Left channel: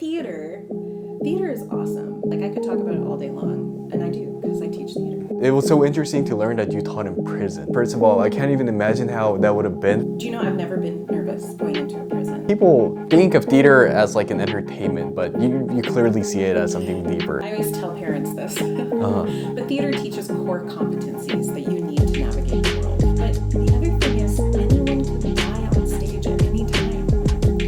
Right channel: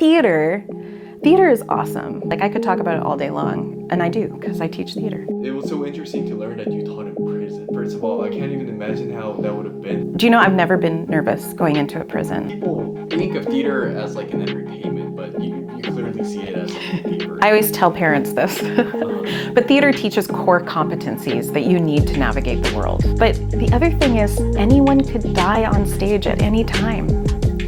theater is awesome. Like, I could talk about it all day long, and I do, because I teach theater. It was so interesting to learn that you taught in prison. First of all, I can't even imagine how that would have been. Do you know I've never been nervous going into a prison? People think of theater as like an entertainment, but you clearly see it as something deeper. I always tell parents this. But theater teaches core competencies that you need to navigate the world. But the other thing is, anyone could die on stage at any time.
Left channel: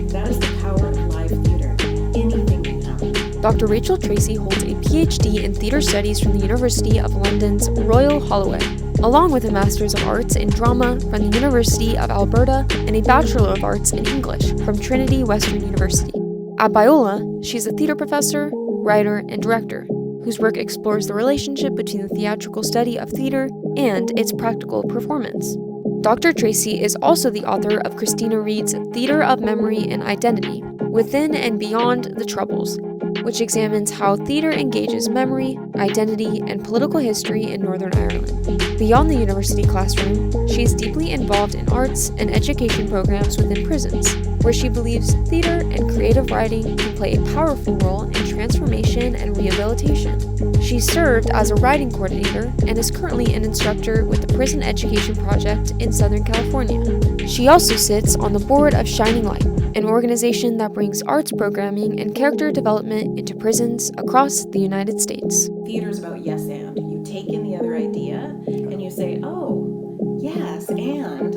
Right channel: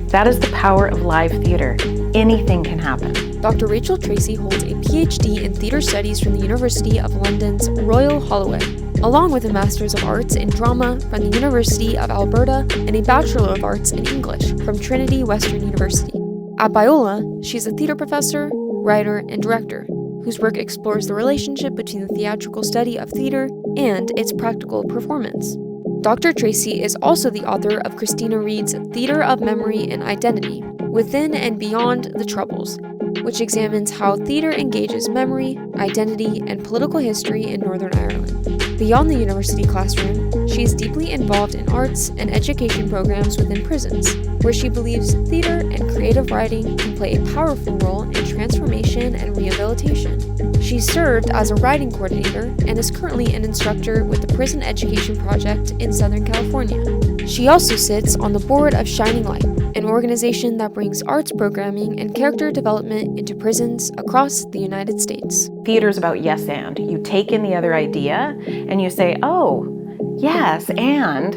That is the power of live theater. Anything can happen. Dr. Rachel Tracie holds a PhD in theater studies from the University of London's Royal Holloway, along with a Master's of Arts in Drama from the University of Alberta and a Bachelor of Arts in English from Trinity Western University. At Biola, she's a theater professor, writer, and director, whose work explores the relationship between the theatrical study of theater and its practical performance. Dr. Tracie is also the author of Christina Reed's Theater of Memory and Identity, Within and Beyond the Troubles, which examines how theater engages memory, identity, and political history in Northern Ireland. Beyond the university classroom, she is deeply involved in arts and education programs within prisons, where she believes theater and creative writing can play a powerful role in transformation and rehabilitation. She served as a writing coordinator and is currently an instructor with the Prison Education Project in Southern California. She also sits on the board of Shining Light, an organization that brings arts programming and character development into prisons across the United States. Theater is about yes and. You take in the other idea and you say, oh, yes, and.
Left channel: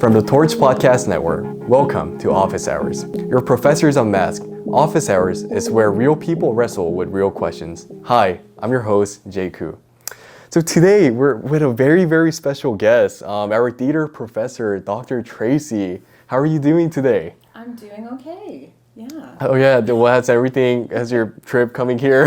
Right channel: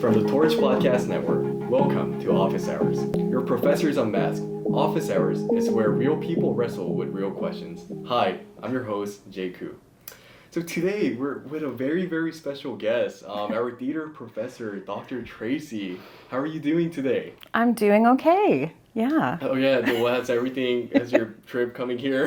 From the Torch Podcast Network, welcome to Office Hours. Your professors unmasked. Office Hours is where real people wrestle with real questions. Hi, I'm your host, Jae Koo. So today we're with a very, very special guest, our theater professor, Dr. Tracie. How are you doing today? I'm doing okay. Yeah. Oh yeah, well, how's everything? How's your trip coming here?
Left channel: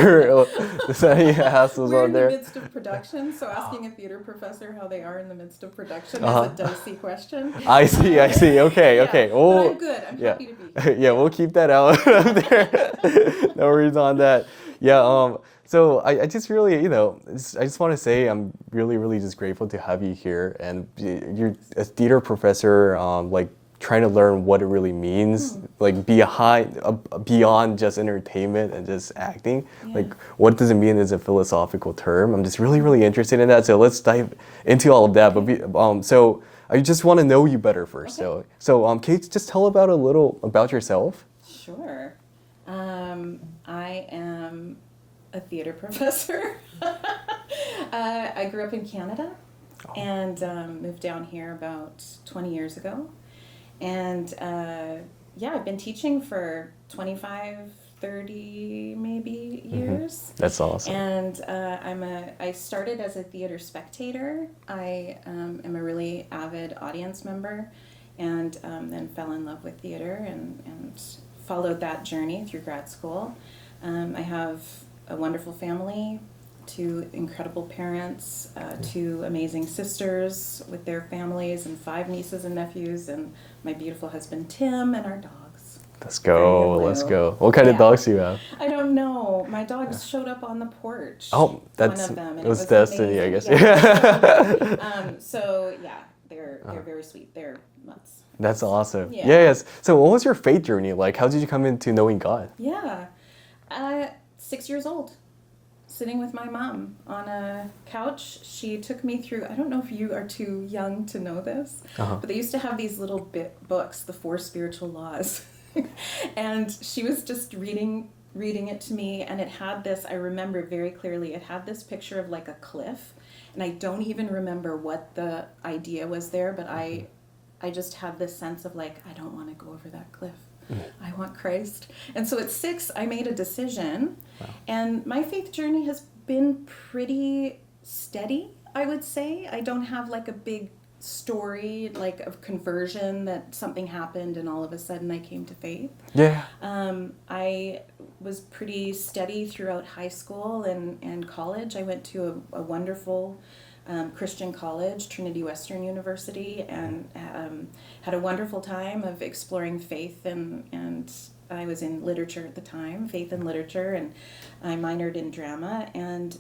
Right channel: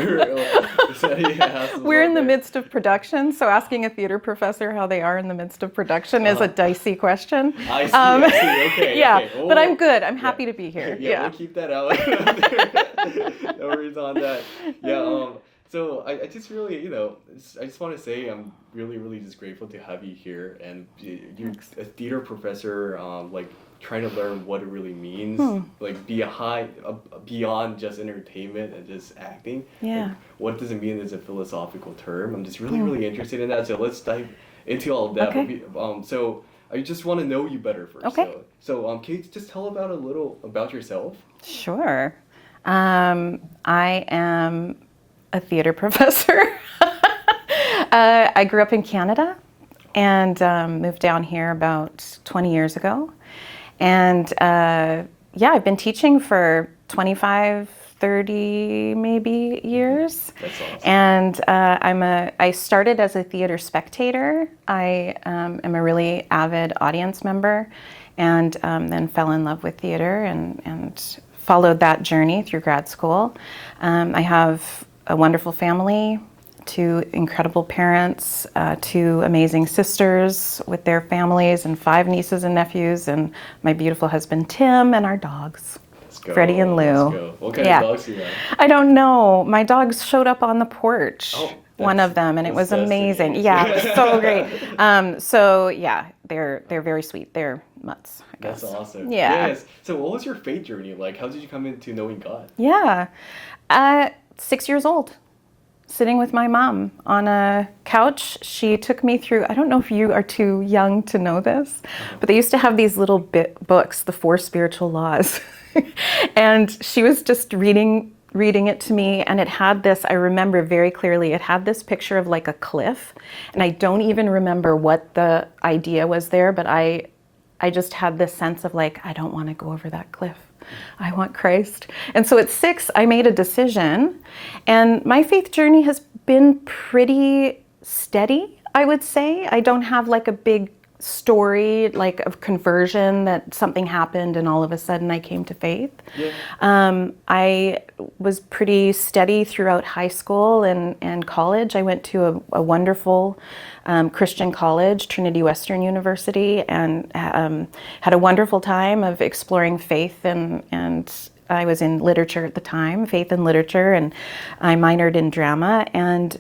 Is there any hassles We're out in the there? midst of production, so asking a theater professor how they are in the midst of production is a dicey question. I see, okay, yeah, okay. but I'm good. I'm happy to be here. Yeah, we'll keep that out there. No worries on that. Yeah, so I just really, I just want to say I'm really, really just grateful to have you here. And you're a theater professor, like trying to learn what it really means, like beyond just entertainment and just acting. Yeah. Like, what does it mean as a philosophical term? I'm just really, really interested in that. So let's dive into all of that. Okay. But so I just want to know you better first. Okay. So can you just tell about a little about yourself? Sure. I am a theater professor. I grew up in Canada and moved down here about 20 years ago. And I've been teaching for 25, 30 maybe years. That's awesome. And I started as a theater spectator. I am a really avid audience member, and then fell in love with theater and followed that journey through grad school. I have a wonderful family, 2 incredible parents, 2 amazing sisters with their families, and 5 nieces and nephews, and my beautiful husband Tim, and our dogs. Let's go. Freddie and Lou. Let's go. What kind of dogs do you have? I don't know. My dogs showed up on the porch. Oh, one of them, and it was destiny, amazing. I guess. Yeah, it was so great. They're very sweet. They're mutts. That's awesome. Yeah. Yes. So what was your faith journey like? How did you come into knowing God? Yeah. 6 years old, sitting with my mom on a couch. She took me through, I don't know if you are too young to know this, but they used to have these little books, the 4 Spiritual Laws. And she was just reading it to me, and it had this, I remember very clearly, it had this picture of like a cliff, and I don't even remember what the idea was there, but I just had this sense of like, I don't want to go over that cliff. I want Christ. And so at 6, I made a decision, and my faith journey has been pretty steady, I would say. I don't have like a big story like of conversion that something happened and all of a sudden I came to faith. Yeah. I was pretty steady throughout high school and college. I went to a wonderful Christian college, Trinity Western University, and had a wonderful time of exploring faith, and I was in literature at the time, faith and literature, and I minored in drama, and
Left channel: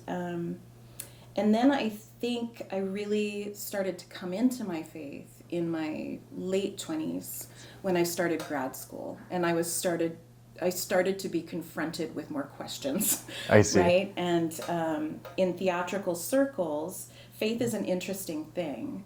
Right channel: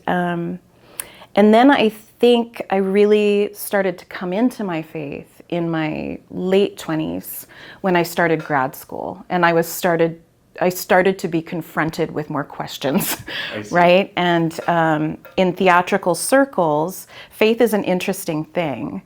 And then I think I really started to come into my faith in my late 20s when I started grad school, and I started to be confronted with more questions, I see. right? And in theatrical circles, faith is an interesting thing.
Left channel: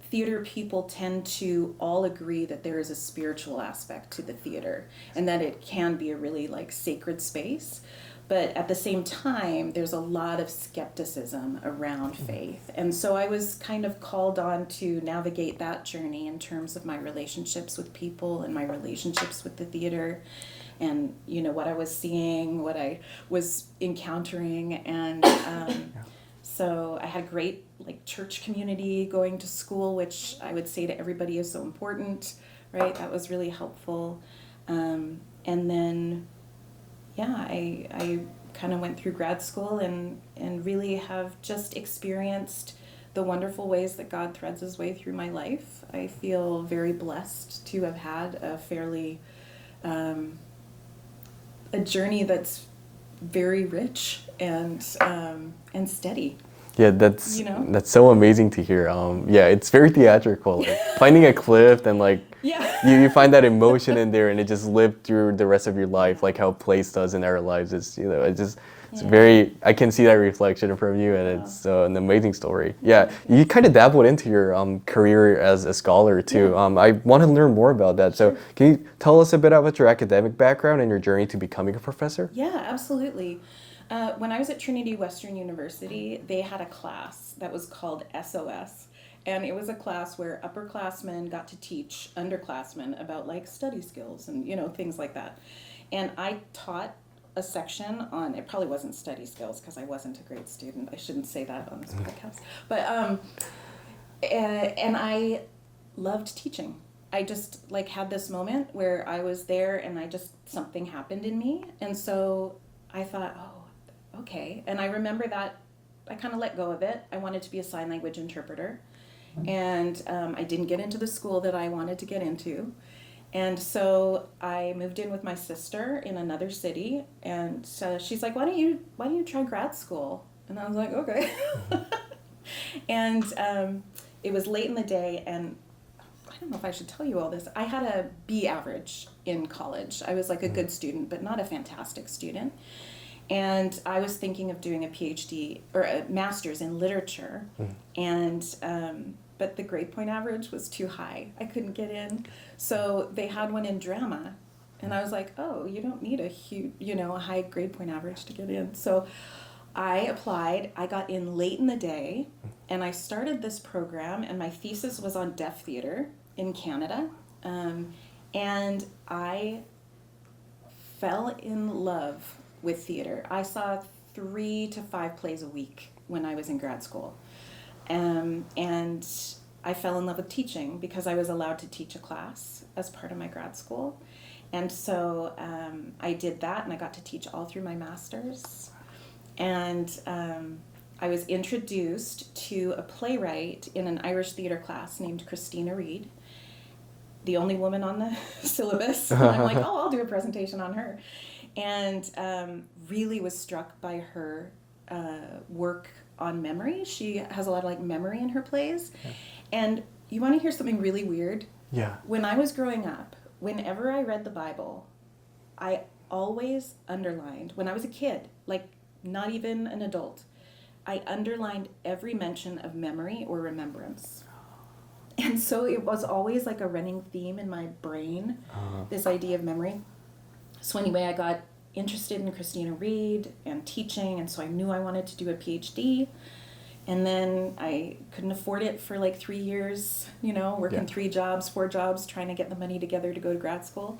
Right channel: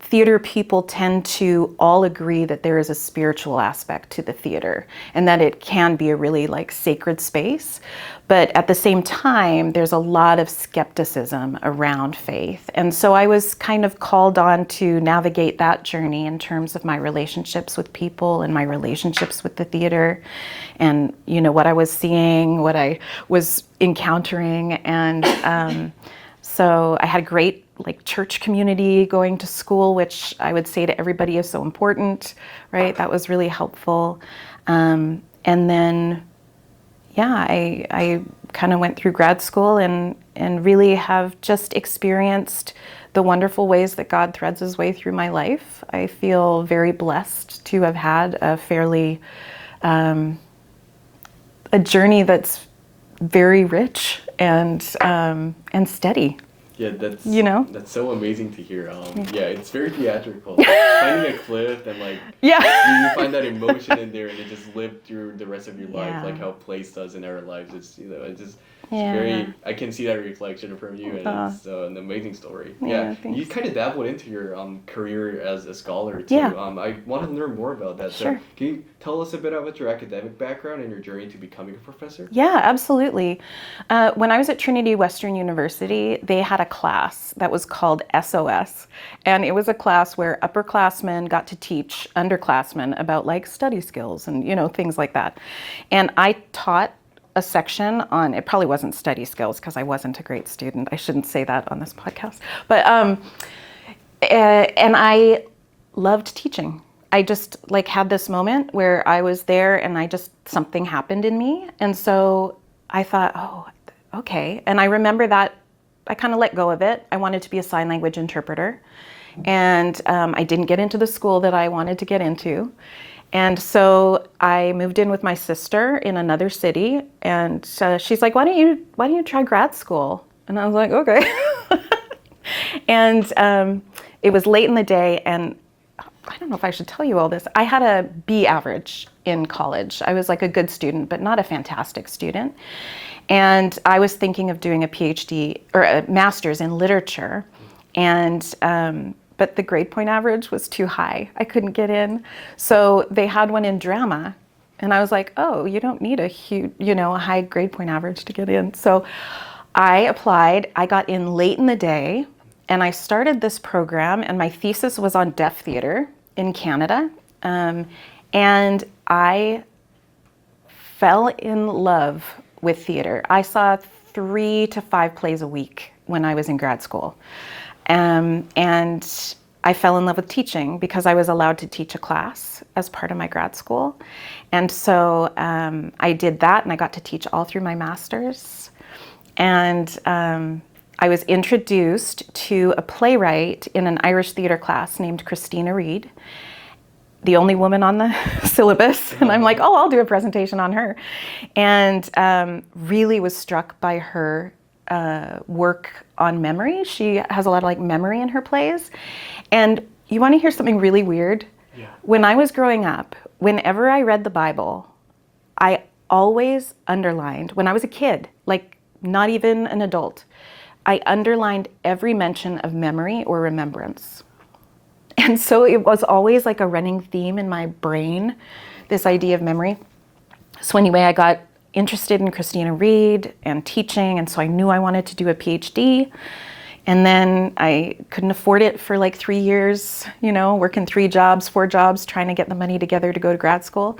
Theater people tend to all agree that there is a spiritual aspect to the theater and that it can be a really like sacred space. But at the same time, there's a lot of skepticism around faith. And so I was kind of called on to navigate that journey in terms of my relationships with people and my relationships with the theater and, you know, what I was seeing, what I was encountering. And so I had a great like church community going to school, which I would say to everybody is so important, right? That was really helpful. And then yeah, I kind of went through grad school and really have just experienced the wonderful ways that God threads his way through my life. I feel very blessed to have had a fairly, a journey that's very rich and steady. Yeah, that's You know? that's so amazing to hear. Yeah, it's very theatrical. Like, finding a cliff and like you find that emotion in there, and it just lived through the rest of your life, Yeah. like how plays does in our lives. It's it's Yeah. very. I can see that reflection from you, and it's an amazing story. Yeah, you thanks. kind of dabbled into your career as a scholar too. Yeah. I want to learn more about that. So Sure. can you tell us a bit about your academic background and your journey to becoming a professor? Yeah, absolutely. When I was at Trinity Western University, they had a class that was called SOS. And it was a class where upperclassmen got to teach underclassmen about like study skills and, you know, things like that. And I taught a section on, it probably wasn't study skills because I wasn't a great student. I shouldn't say that on this podcast. But, and I loved teaching. I just like had this moment where I was there and something happened in me. And so I thought, oh, okay. And I remember that I kind of let go of it. I wanted to be a sign language interpreter. And I didn't get into the school that I wanted to get into. And so I moved in with my sister in another city. And she's like, why don't you try grad school? And I was like, okay. And it was late in the day, and I don't know if I should tell you all this. I had a B average in college. I was like a good student, but not a fantastic student. And I was thinking of doing a PhD or a master's in literature. And but the grade point average was too high. I couldn't get in. So they had one in drama. And I was like, oh, you don't need a huge, a high grade point average to get in. So I applied. I got in late in the day. And I started this program, and my thesis was on deaf theater in Canada. And I fell in love with theater. I saw 3 to 5 plays a week when I was in grad school. And I fell in love with teaching because I was allowed to teach a class as part of my grad school. And so I did that, and I got to teach all through my master's. And I was introduced to a playwright in an Irish theater class named Christina Reid, the only woman on the syllabus. And I'm like, oh, I'll do a presentation on her. And really was struck by her work on memory. She has a lot of like memory in her plays. And you want to hear something really weird? Yeah. When I was growing up, whenever I read the Bible, I always underlined, when I was a kid, like not even an adult, I underlined every mention of memory or remembrance. And so it was always like a running theme in my brain, this idea of memory. So anyway, I got interested in Christina Reid and teaching, and so I knew I wanted to do a PhD. And then I couldn't afford it for like 3 years, working 3 jobs, 4 jobs, trying to get the money together to go to grad school.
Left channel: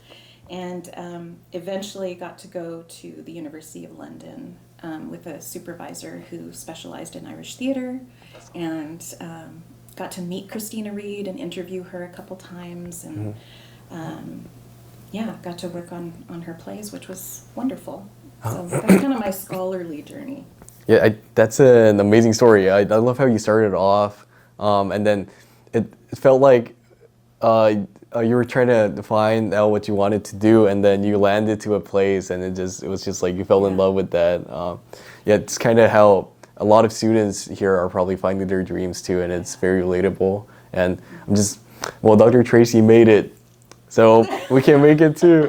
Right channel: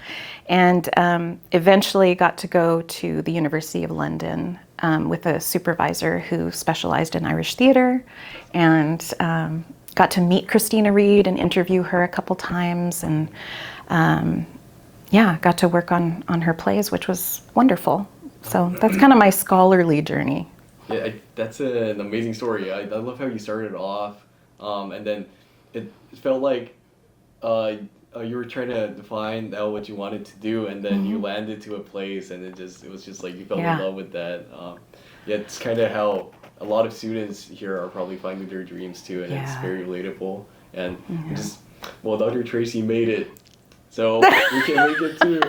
And eventually got to go to the University of London with a supervisor who specialized in Irish theater, and got to meet Christina Reid and interview her a couple times, and got to work on her plays, which was wonderful. So that's kind of my scholarly journey. Yeah, that's an amazing story. I love how you started off, and then it felt like you were trying to find out what you wanted to do, and then you landed to a place, and it was just like you fell in love with that. It's kind of how a lot of students here are probably finding their dreams too, and it's very relatable. And I'm just, well, Dr. Tracie made it, so we can make it too.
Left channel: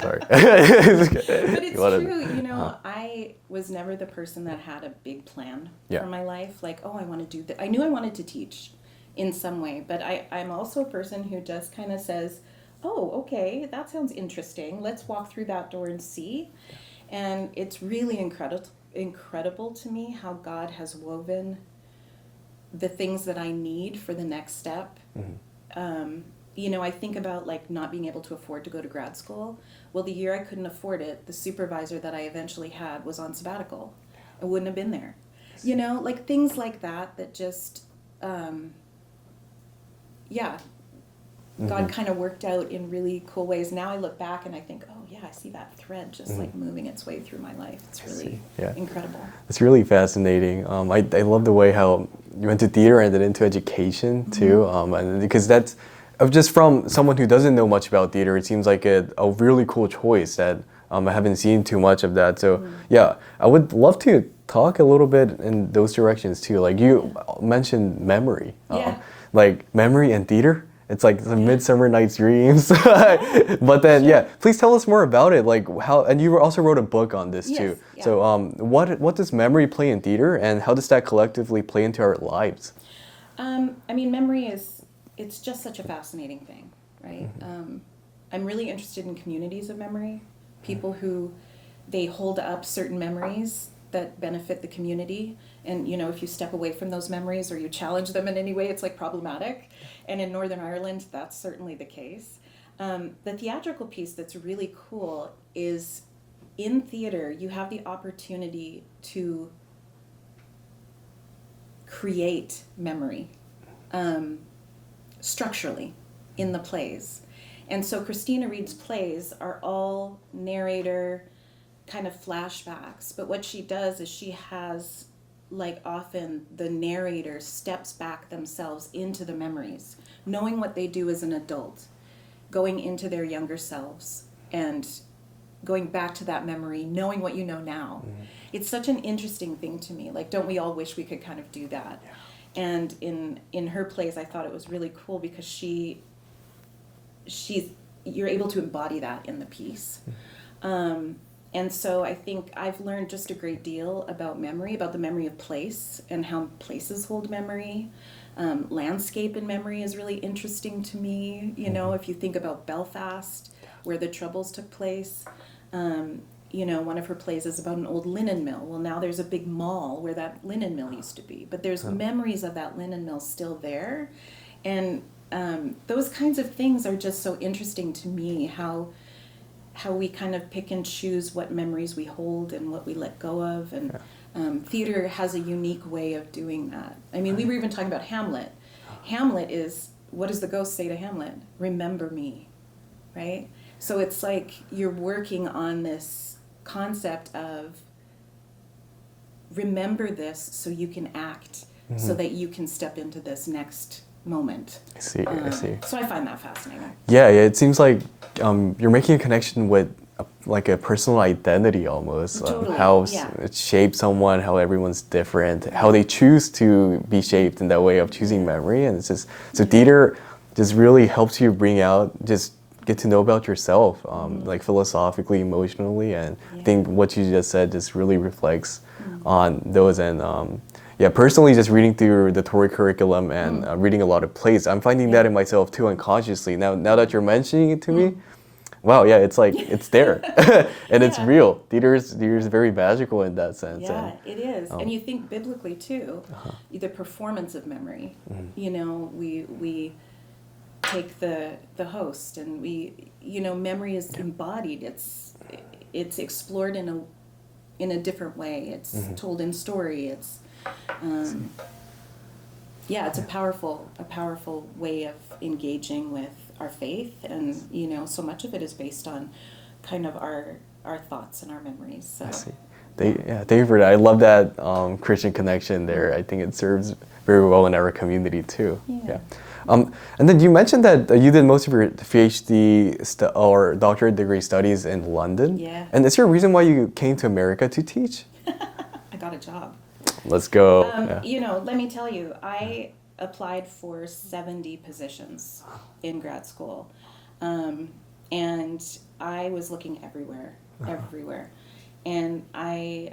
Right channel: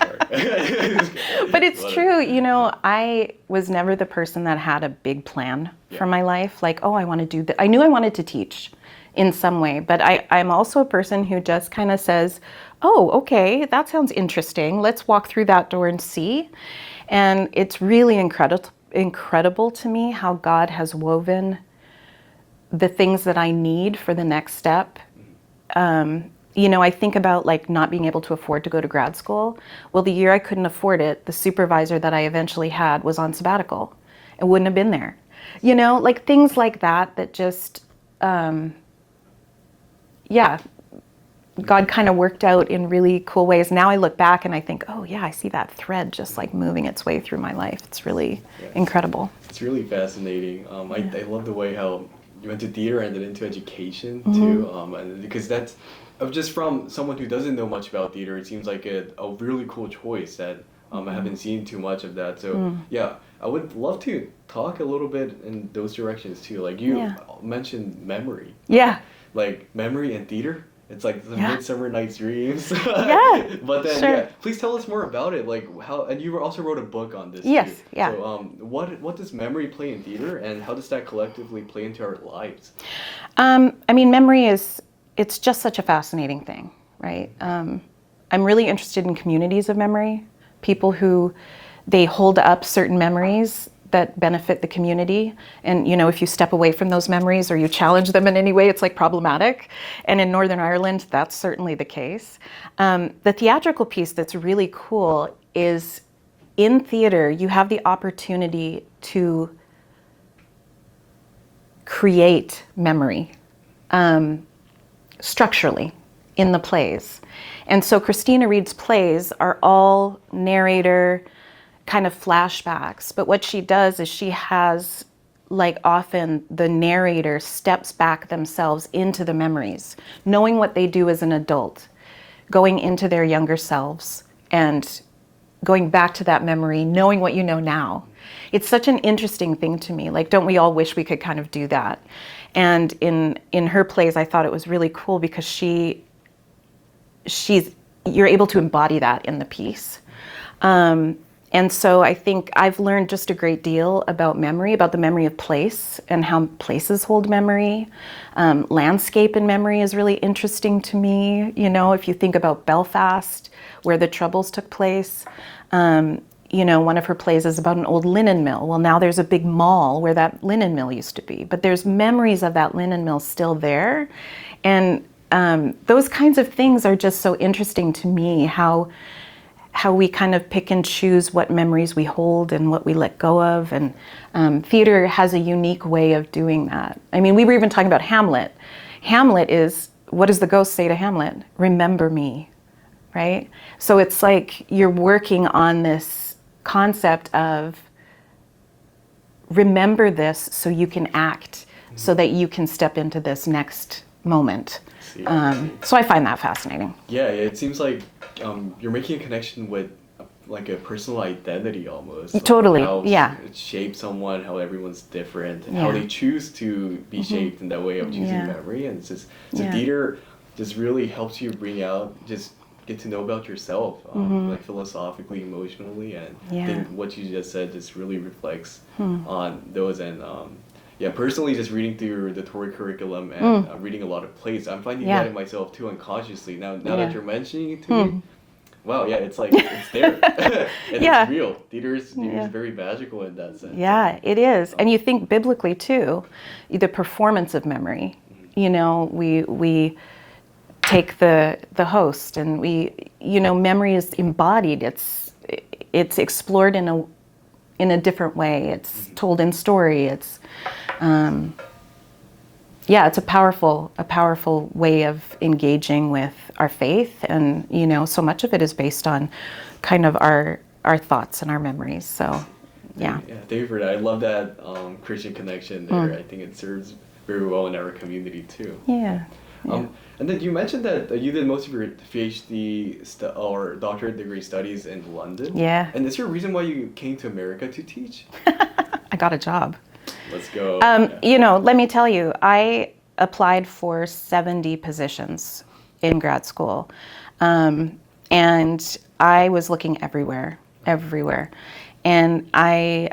Sorry. But it's true, you know, I was never the person that had a big plan for my life. Like, oh, I want to do that. I knew I wanted to teach in some way, but I'm also a person who just kind of says, oh, okay, that sounds interesting. Let's walk through that door and see. And it's really incredible to me how God has woven the things that I need for the next step. You know, I think about like not being able to afford to go to grad school. Well, the year I couldn't afford it, the supervisor that I eventually had was on sabbatical and wouldn't have been there. You know, like things like that that just, God kind of worked out in really cool ways. Now I look back and I think, oh yeah, I see that thread just like moving its way through my life. It's really incredible. It's really fascinating. I love the way how you went to theater and then into education too, and because that's just from someone who doesn't know much about theater, it seems like a really cool choice that I haven't seen too much of that. So yeah, I would love to talk a little bit in those directions too. Like you mentioned memory. Like memory and theater. It's like the Midsummer Night's Dreams. But then, please tell us more about it. Like how, and you also wrote a book on this too. So what does memory play in theater, and how does that collectively play into our lives? I mean, memory it's just such a fascinating thing, right? I'm really interested in communities of memory, people who they hold up certain memories that benefit the community. And, you know, if you step away from those memories or you challenge them in any way, it's like problematic. And in Northern Ireland, that's certainly the case. The theatrical piece that's really cool is in theater, you have the opportunity to create memory structurally in the plays. And so Christina Reid's plays are all narrator, kind of flashbacks, but what she does is she has, like, often the narrator steps back themselves into the memories, knowing what they do as an adult, going into their younger selves and going back to that memory, knowing what you know now. It's such an interesting thing to me. Like, don't we all wish we could kind of do that? And in her plays, I thought it was really cool because you're able to embody that in the piece. And so I think I've learned just a great deal about memory, about the memory of place and how places hold memory. Landscape and memory is really interesting to me. You know, if you think about Belfast, where the Troubles took place, you know, one of her plays is about an old linen mill. Well, now there's a big mall where that linen mill used to be, but there's memories of that linen mill still there. And those kinds of things are just so interesting to me, how we kind of pick and choose what memories we hold and what we let go of. And theater has a unique way of doing that. I mean, we were even talking about Hamlet. Hamlet is, what does the ghost say to Hamlet? Remember me, right? So it's like you're working on this concept of remember this so you can act, so that you can step into this next moment. I see. So I find that fascinating. Yeah, it seems like you're making a connection with like a personal identity almost. Totally, how it shapes someone, how everyone's different, how they choose to be shaped in that way of choosing memory. And it's just, so theater just really helps you bring out, just get to know about yourself, like philosophically, emotionally, and I think what you just said just really reflects on those. And personally, just reading through the Tory curriculum and reading a lot of plays, I'm finding that in myself too unconsciously. Now that you're mentioning it to me, wow, it's like, it's there. And it's real. Theater is very magical in that sense. Yeah, it is. And you think biblically too, the performance of memory. You know, we take the host and memory is embodied. It's explored in a different way. It's told in story. It's it's a powerful way of engaging with our faith, and so much of it is based on kind of our thoughts and our memories. So thank you for that. I love that Christian connection there. I think it serves very well in our community too. And then you mentioned that you did most of your PhD or doctorate degree studies in London. Yeah. And is there a reason why you came to America to teach? I got a job. Let's go. You know, let me tell you, I applied for 70 positions in grad school. And I was looking everywhere. And I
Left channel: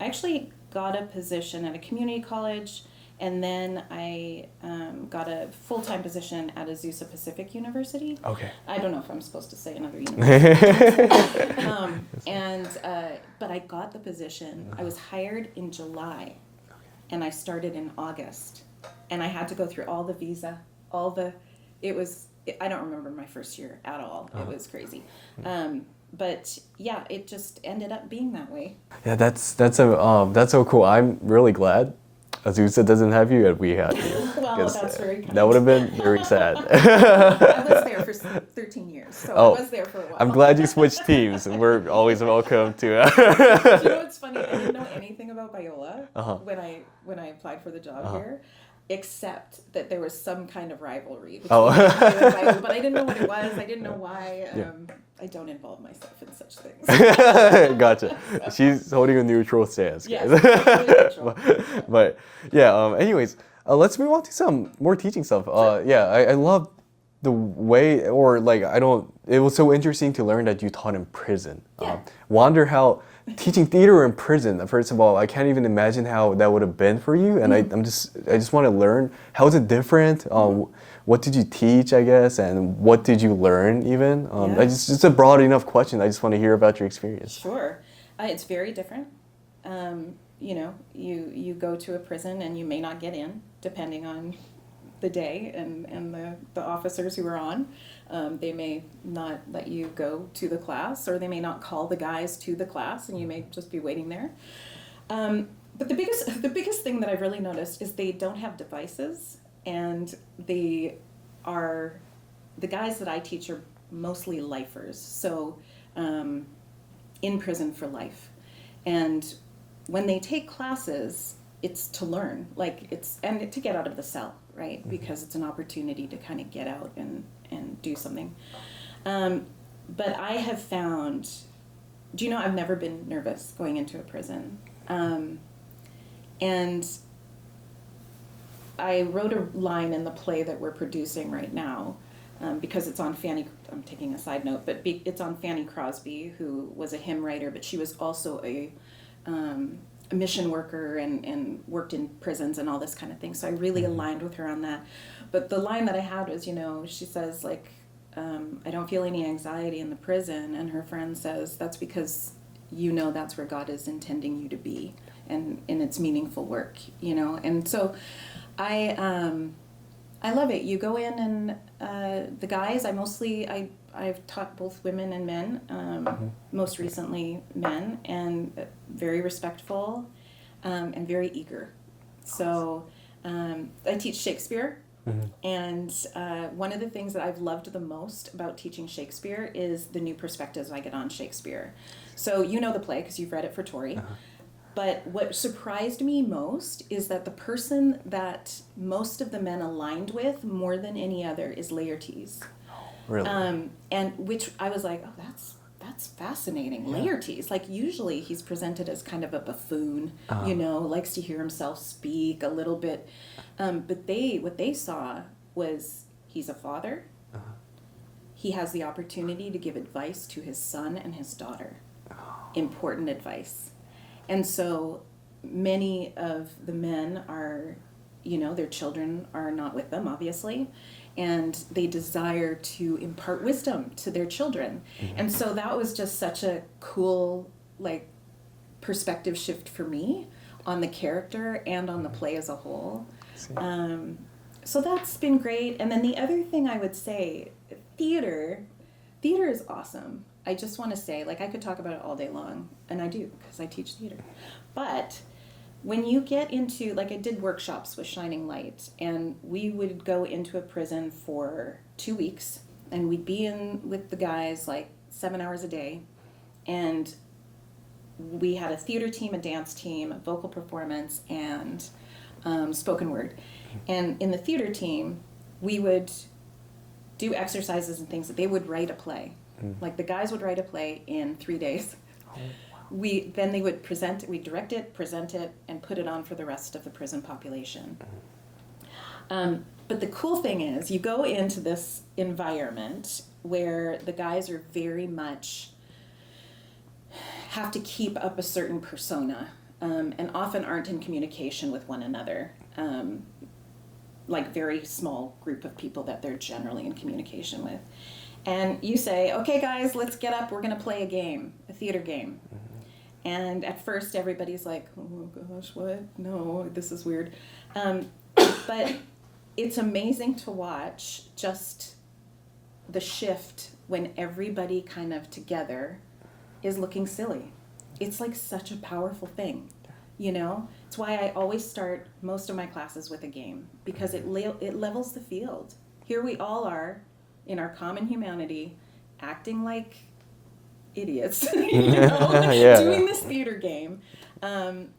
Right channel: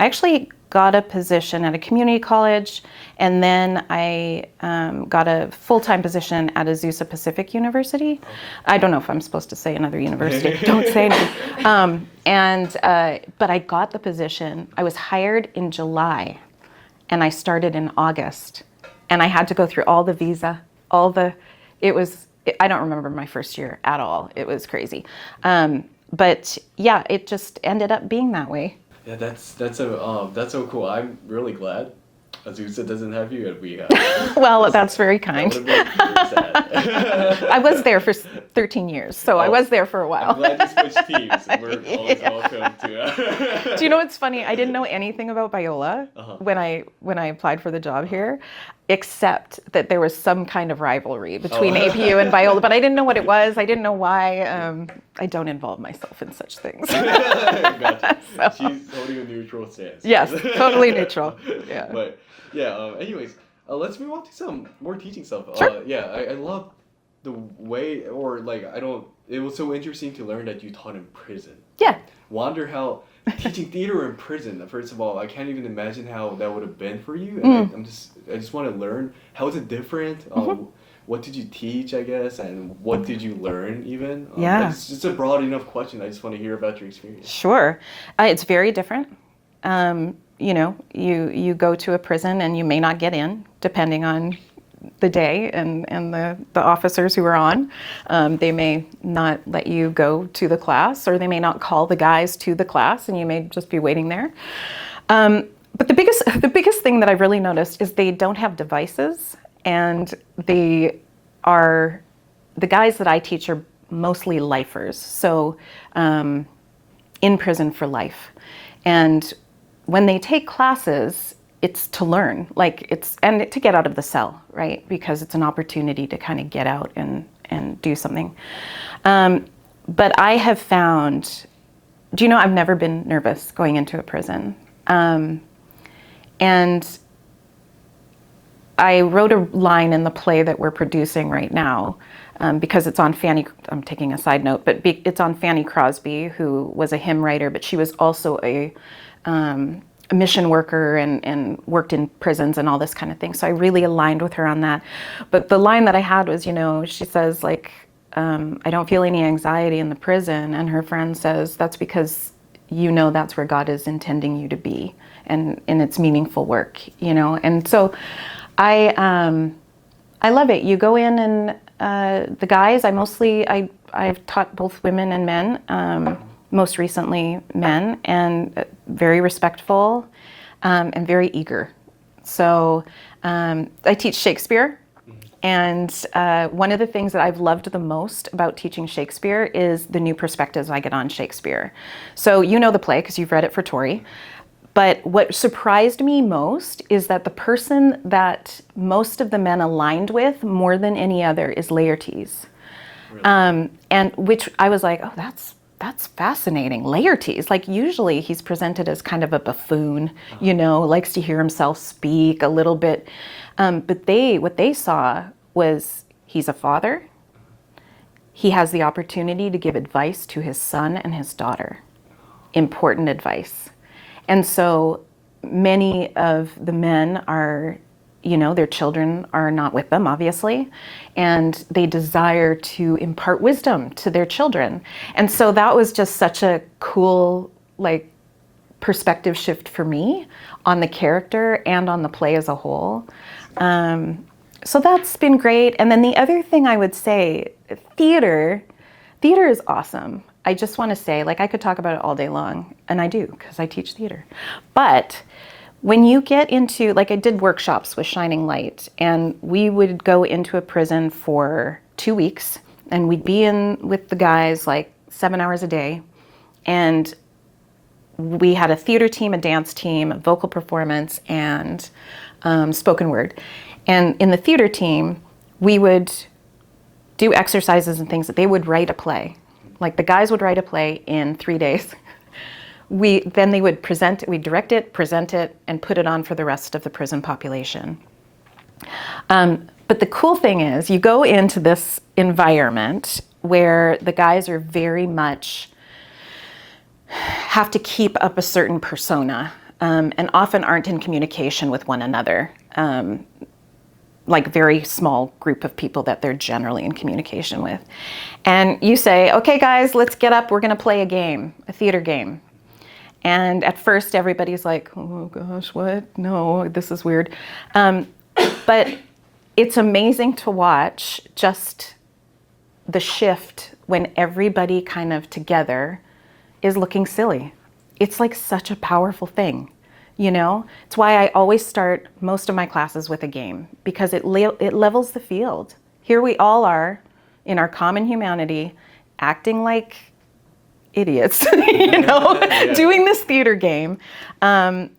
actually got a position at a community college, and then I got a full-time position at Azusa Pacific University. Okay. I don't know if I'm supposed to say another university. Don't say it. But I got the position. I was hired in July, and I started in August. And I had to go through all the visa, I don't remember my first year at all. It was crazy. But yeah, it just ended up being that way. Yeah, that's so cool. I'm really glad Azusa doesn't have you and we have you. Well, that's very kind. That would have been very sad. I was there for 13 years, so I was there for a while. I'm glad you switched teams. We're always welcome to. Do you know what's funny? I didn't know anything about Biola when I applied for the job here, except that there was some kind of rivalry between APU and Biola, but I didn't know what it was. I didn't know why. I don't involve myself in such things. Gotcha. So. She's holding a neutral stance. Yes, totally neutral. Yeah. But yeah, anyways, let's move on to some more teaching stuff. Sure. I love the way, or like, it was so interesting to learn that you taught in prison. Yeah. Wonder how teaching theater in prison, first of all, I can't even imagine how that would have been for you. And I just want to learn, how is it different? What did you teach, I guess, and what did you learn even? It's just a broad enough question. I just want to hear about your experience. Sure. It's very different. You know, you go to a prison and you may not get in, depending on the day and the officers who are on. They may not let you go to the class, or they may not call the guys to the class, and you may just be waiting there. But the biggest thing that I've really noticed is they don't have devices, and the guys that I teach are mostly lifers, so in prison for life. And when they take classes, it's to learn, and to get out of the cell, right? Because it's an opportunity to kind of get out and do something. But I have found, do you know, I've never been nervous going into a prison. And I wrote a line in the play that we're producing right now, because it's on I'm taking a side note, but it's on Fanny Crosby, who was a hymn writer, but she was also a mission worker and worked in prisons and all this kind of thing. So I really aligned with her on that. But the line that I had was, you know, she says, like, I don't feel any anxiety in the prison. And her friend says, that's because you know that's where God is intending you to be, and it's meaningful work, you know. And so I love it. You go in and the guys, I've taught both women and men, most recently men, and very respectful and very eager. So I teach Shakespeare, and one of the things that I've loved the most about teaching Shakespeare is the new perspectives I get on Shakespeare. So you know the play because you've read it for Tori. But what surprised me most is that the person that most of the men aligned with more than any other is Laertes. Really? And which I was like, oh, that's fascinating. Laertes, like usually he's presented as kind of a buffoon, you know, likes to hear himself speak a little bit. But what they saw was he's a father. He has the opportunity to give advice to his son and his daughter, important advice. And so many of the men are, you know, their children are not with them, obviously, and they desire to impart wisdom to their children. And so that was just such a cool, like, perspective shift for me on the character and on the play as a whole. So that's been great. And then the other thing I would say, theater is awesome. I just want to say, like, I could talk about it all day long, and I do, because I teach theater. But when you get into, like, I did workshops with Shining Light, and we would go into a prison for 2 weeks, and we'd be in with the guys, like, 7 hours a day, and we had a theater team, a dance team, a vocal performance, and spoken word. And in the theater team, we would do exercises and things that they would write a play. Like the guys would write a play in 3 days. then they would present it, we'd direct it, present it, and put it on for the rest of the prison population. But the cool thing is, you go into this environment where the guys are very much have to keep up a certain persona, and often aren't in communication with one another. Like very small group of people that they're generally in communication with. And you say, okay guys, let's get up, we're gonna play a game, a theater game. And at first everybody's like, oh gosh, what? No, this is weird. But it's amazing to watch just the shift when everybody kind of together is looking silly. It's like such a powerful thing. You know, it's why I always start most of my classes with a game, because it levels the field. Here we all are in our common humanity, acting like idiots, you know, doing this theater game. And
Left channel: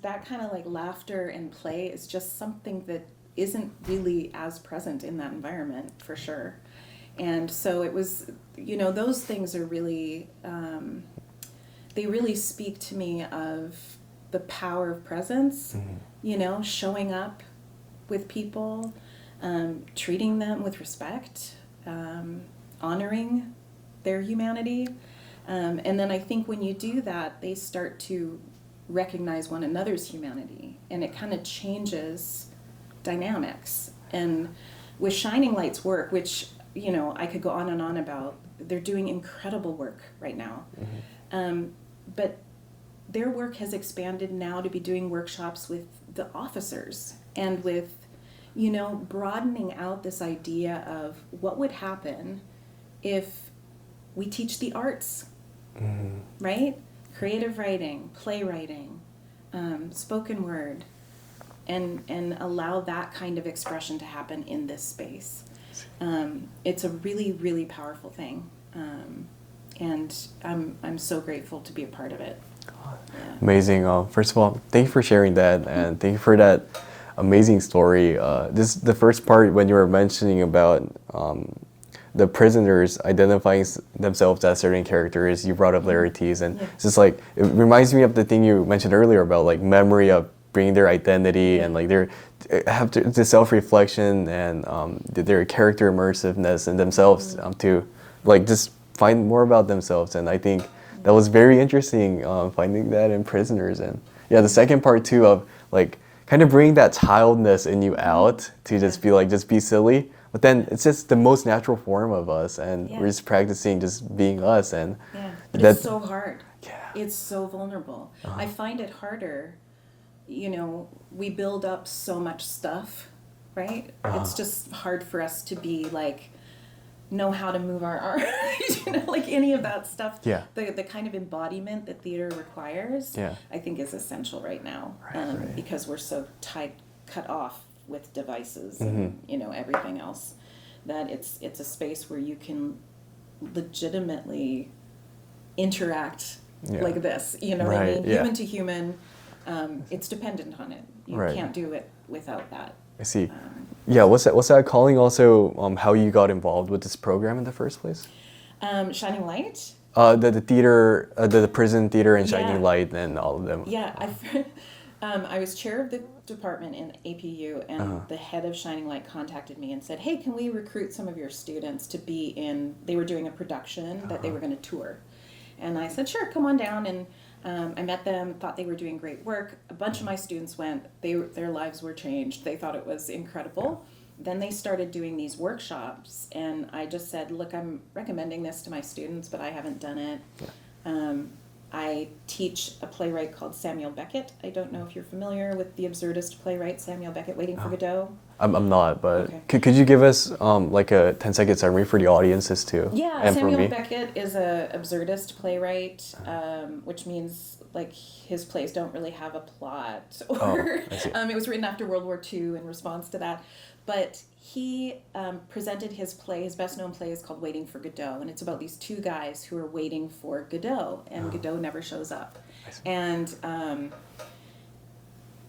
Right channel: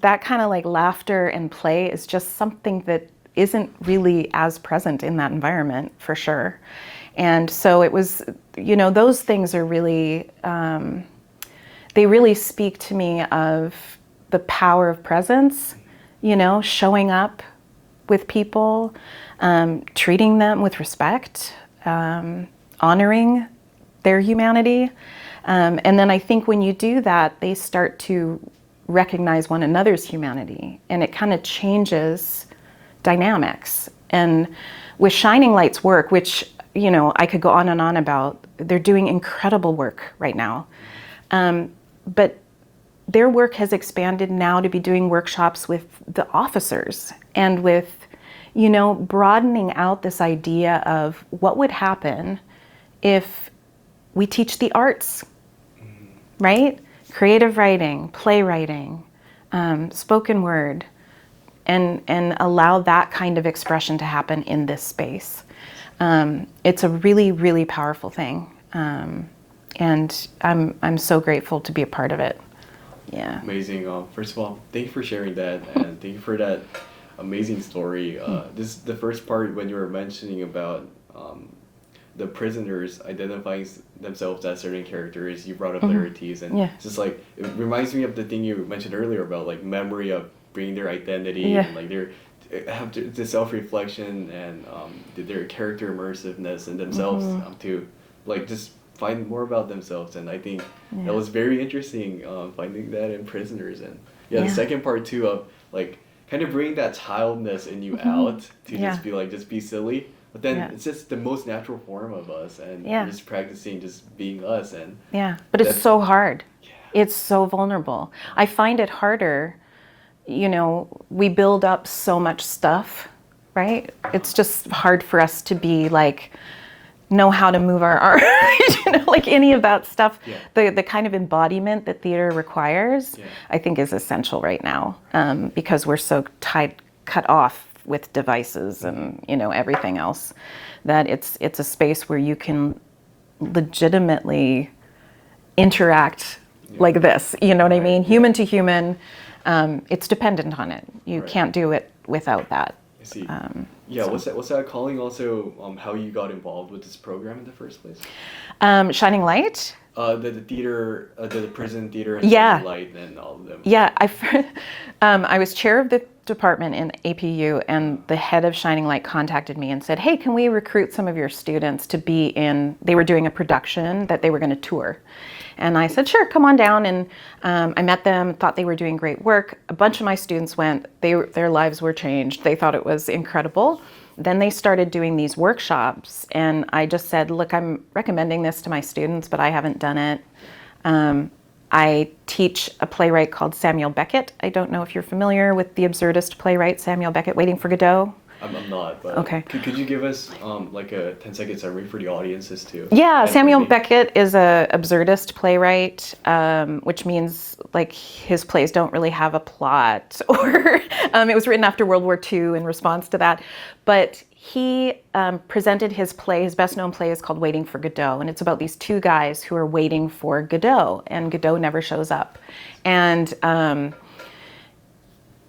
that kind of like laughter and play is just something that isn't really as present in that environment, for sure. And so it was, you know, those things are really, they really speak to me of the power of presence, you know, showing up with people, treating them with respect, honoring their humanity. And then I think when you do that, they start to recognize one another's humanity, and it kind of changes dynamics. And with Shining Light's work, which, you know, I could go on and on about, they're doing incredible work right now. But their work has expanded now to be doing workshops with the officers, and with, you know, broadening out this idea of what would happen if we teach the arts, right? Creative writing, playwriting, spoken word, and allow that kind of expression to happen in this space. It's a really, really powerful thing. And I'm so grateful to be a part of it. Yeah. Amazing. First of all, thank you for sharing that, and thank you for that amazing story. This the first part when you were mentioning about the prisoners identifying themselves as certain characters. You brought up rarities, and it's just like it reminds me of the thing you mentioned earlier about like memory of bringing their identity and like their have to the self-reflection and their character immersiveness in themselves to like just find more about themselves. And I think that was very interesting, finding that in prisoners. And the second part too of like kind of bringing that childness in you out to just be like, just be silly. But then it's just the most natural form of us, and we're just practicing just being us. And but it's so hard. It's so vulnerable. I find it harder, you know, we build up so much stuff, right? It's just hard for us to be like, know how to move our arms, you know, like any of that stuff. The kind of embodiment that theater requires, I think is essential right now, because we're so cut off with devices and, you know, everything else, that it's a space where you can legitimately interact like this, you know what I mean? Human to human, it's dependent on it. You can't do it without that. I see. What's that calling also, how you got involved with this program in the first place? Shining Light? The theater, the prison theater and Shining Light and all of them. Yeah, I was chair of the department in APU, and the head of Shining Light contacted me and said, hey, can we recruit some of your students to be in, they were doing a production that they were going to tour. And I said, sure, come on down. And I met them, thought they were doing great work. A bunch of my students went, their lives were changed. They thought it was incredible. Then they started doing these workshops, and I just said, look, I'm recommending this to my students, but I haven't done it. I teach a playwright called Samuel Beckett. I don't know if you're familiar with the absurdist playwright Samuel Beckett, Waiting for Godot. I'm not, but okay. Could you give us like a 10-second summary for the audiences too? Yeah, Samuel Beckett is a absurdist playwright, which means like his plays don't really have a plot, or it was written after World War II in response to that. But he presented his play, his best known play is called Waiting for Godot, and it's about these two guys who are waiting for Godot, and Godot never shows up. And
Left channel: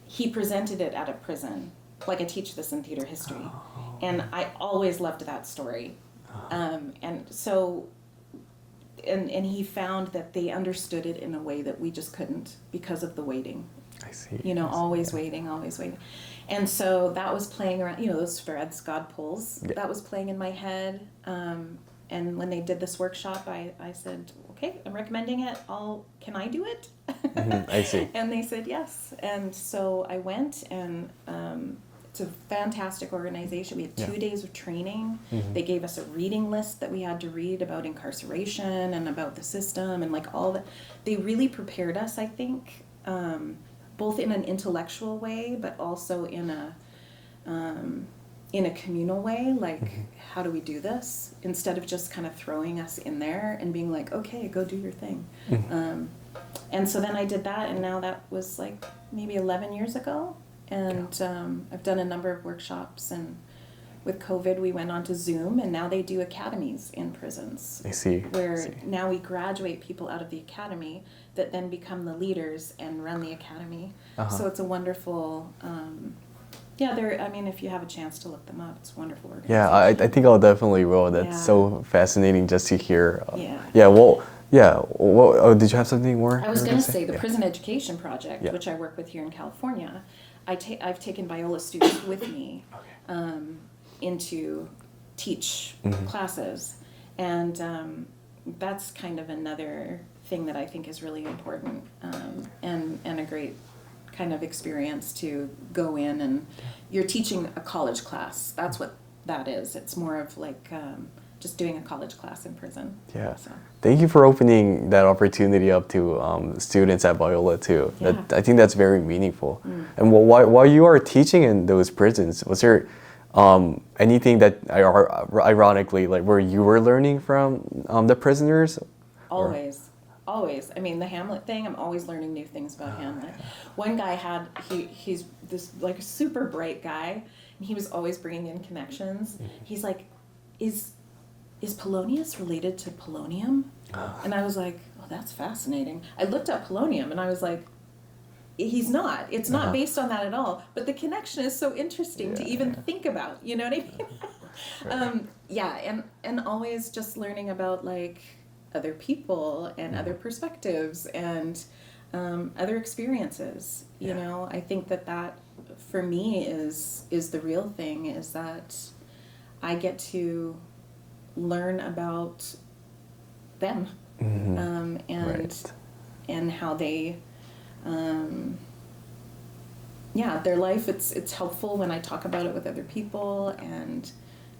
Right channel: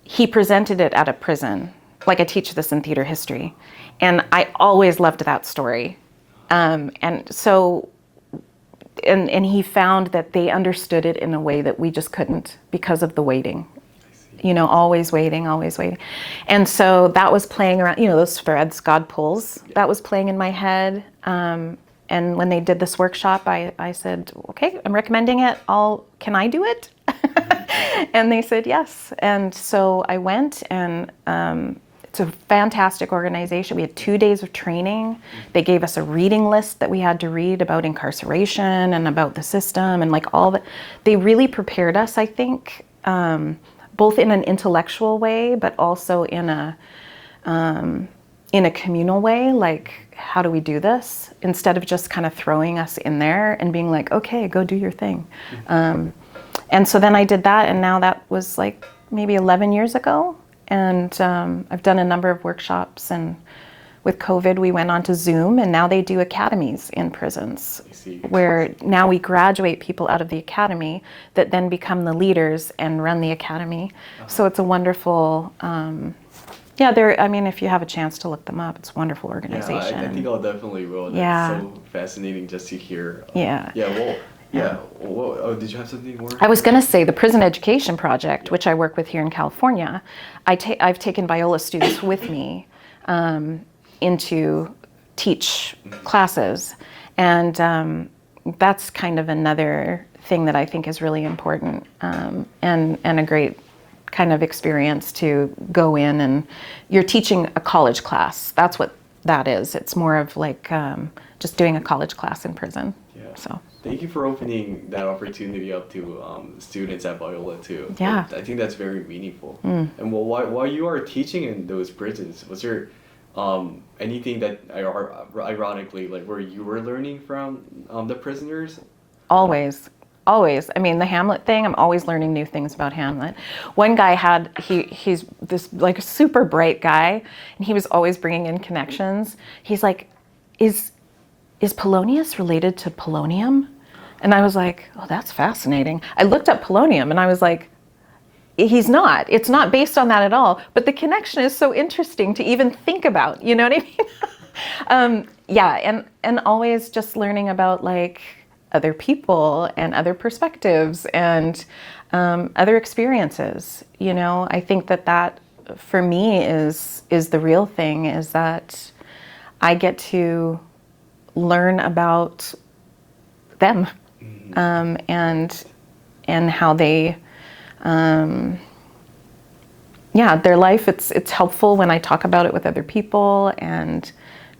he presented it at a prison. Like, I teach this in theater history, and I always loved that story. And so and he found that they understood it in a way that we just couldn't because of the waiting. I see. You know, always waiting, always waiting. And so that was playing around, you know, those threads God pulls, that was playing in my head. And when they did this workshop, I said, okay, I'm recommending it. Can I do it? I see. And they said yes. And so I went, and it's a fantastic organization. We had 2 days of training. They gave us a reading list that we had to read about incarceration and about the system and like all that. They really prepared us, I think, both in an intellectual way, but also in a communal way, like how do we do this, instead of just kind of throwing us in there and being like, okay, go do your thing. And so then I did that, and now that was like maybe 11 years ago, and I've done a number of workshops, and with COVID we went on to Zoom, and now they do academies in prisons. I see. Where now we graduate people out of the academy that then become the leaders and run the academy. So it's a wonderful I mean, if you have a chance to look them up, it's a wonderful organization. Yeah, I think I'll definitely will. That's Yeah. so fascinating just to hear. Yeah. Well, did you have something more? I was going to say the Prison Education Project, which I work with here in California. I've taken Viola students with me into teach classes, and that's kind of another thing that I think is really important, and a great kind of experience to go in, and you're teaching a college class. That's what that is. It's more of like just doing a college class in prison. Yeah. So thank you for opening that opportunity up to students at Viola too. Yeah. I think that's very meaningful. And while you are teaching in those prisons, was there anything that ironically, like where you were learning from the prisoners? always. Always. I mean, the Hamlet thing, I'm always learning new things about Hamlet. One guy he's this like super bright guy, and he was always bringing in connections. He's like, is Polonius related to polonium? And I was like, oh, that's fascinating. I looked up polonium, and I was like, he's not. It's not based on that at all. But the connection is so interesting to even think about. You know what I mean? And always just learning about like other people and other perspectives and other experiences. You know, I think that for me is the real thing, is that I get to learn about them and how they their life. It's helpful when I talk about it with other people, and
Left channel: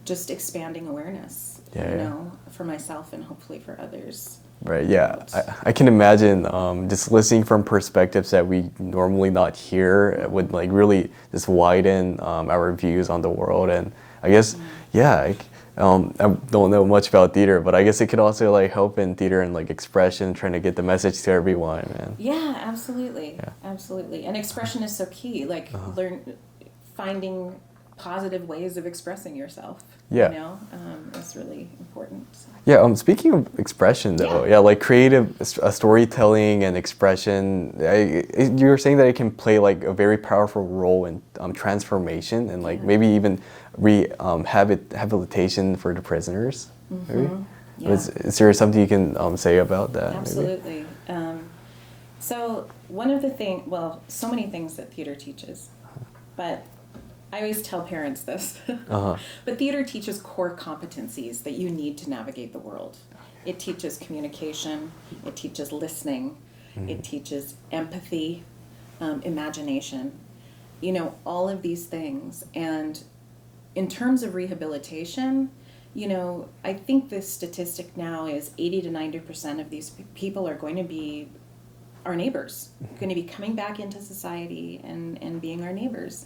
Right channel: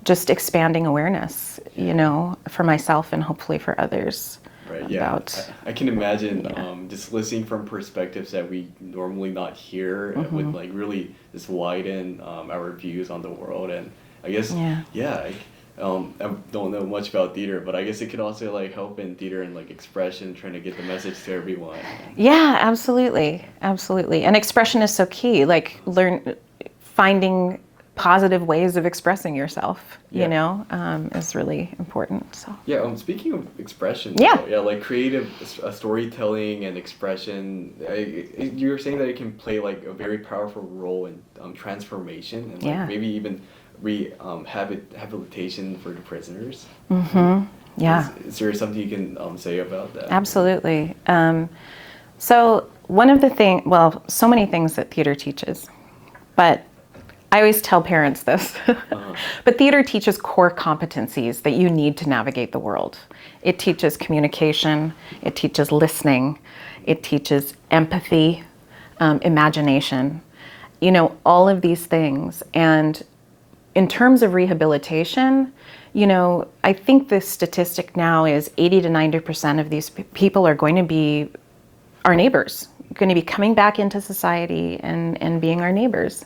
just expanding awareness, you know, for myself and hopefully for others. Right, yeah. I can imagine just listening from perspectives that we normally not hear would like really just widen our views on the world. And I guess, I don't know much about theater, but I guess it could also like help in theater and like expression, trying to get the message to everyone. Yeah, absolutely. Absolutely. And expression is so key, like finding positive ways of expressing yourself, you know, is really important. So. Yeah, speaking of expression, though, like creative storytelling and expression, you were saying that it can play like a very powerful role in transformation and like maybe even rehabilitation for the prisoners. Yeah. Is there something you can say about that? Absolutely. So one of the so many things that theater teaches, but I always tell parents this, but theater teaches core competencies that you need to navigate the world. It teaches communication, it teaches listening, it teaches empathy, imagination, you know, all of these things. And in terms of rehabilitation, you know, I think the statistic now is 80 to 90% of these people are going to be our neighbors, going to be coming back into society and being our neighbors.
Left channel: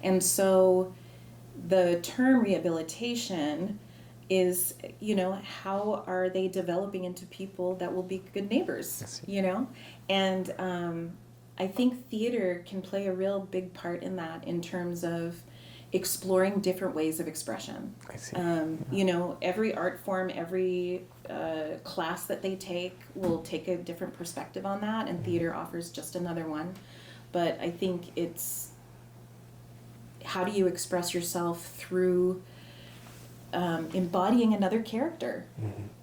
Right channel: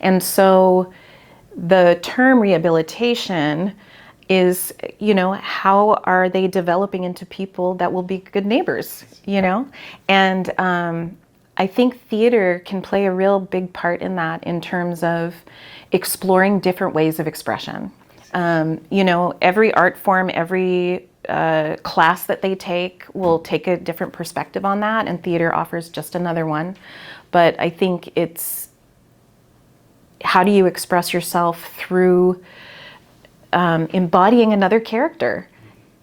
And so the term rehabilitation is, you know, how are they developing into people that will be good neighbors, you know? And I think theater can play a real big part in that, in terms of exploring different ways of expression. You know, every art form, every class that they take will take a different perspective on that, and theater offers just another one. But I think it's, how do you express yourself through embodying another character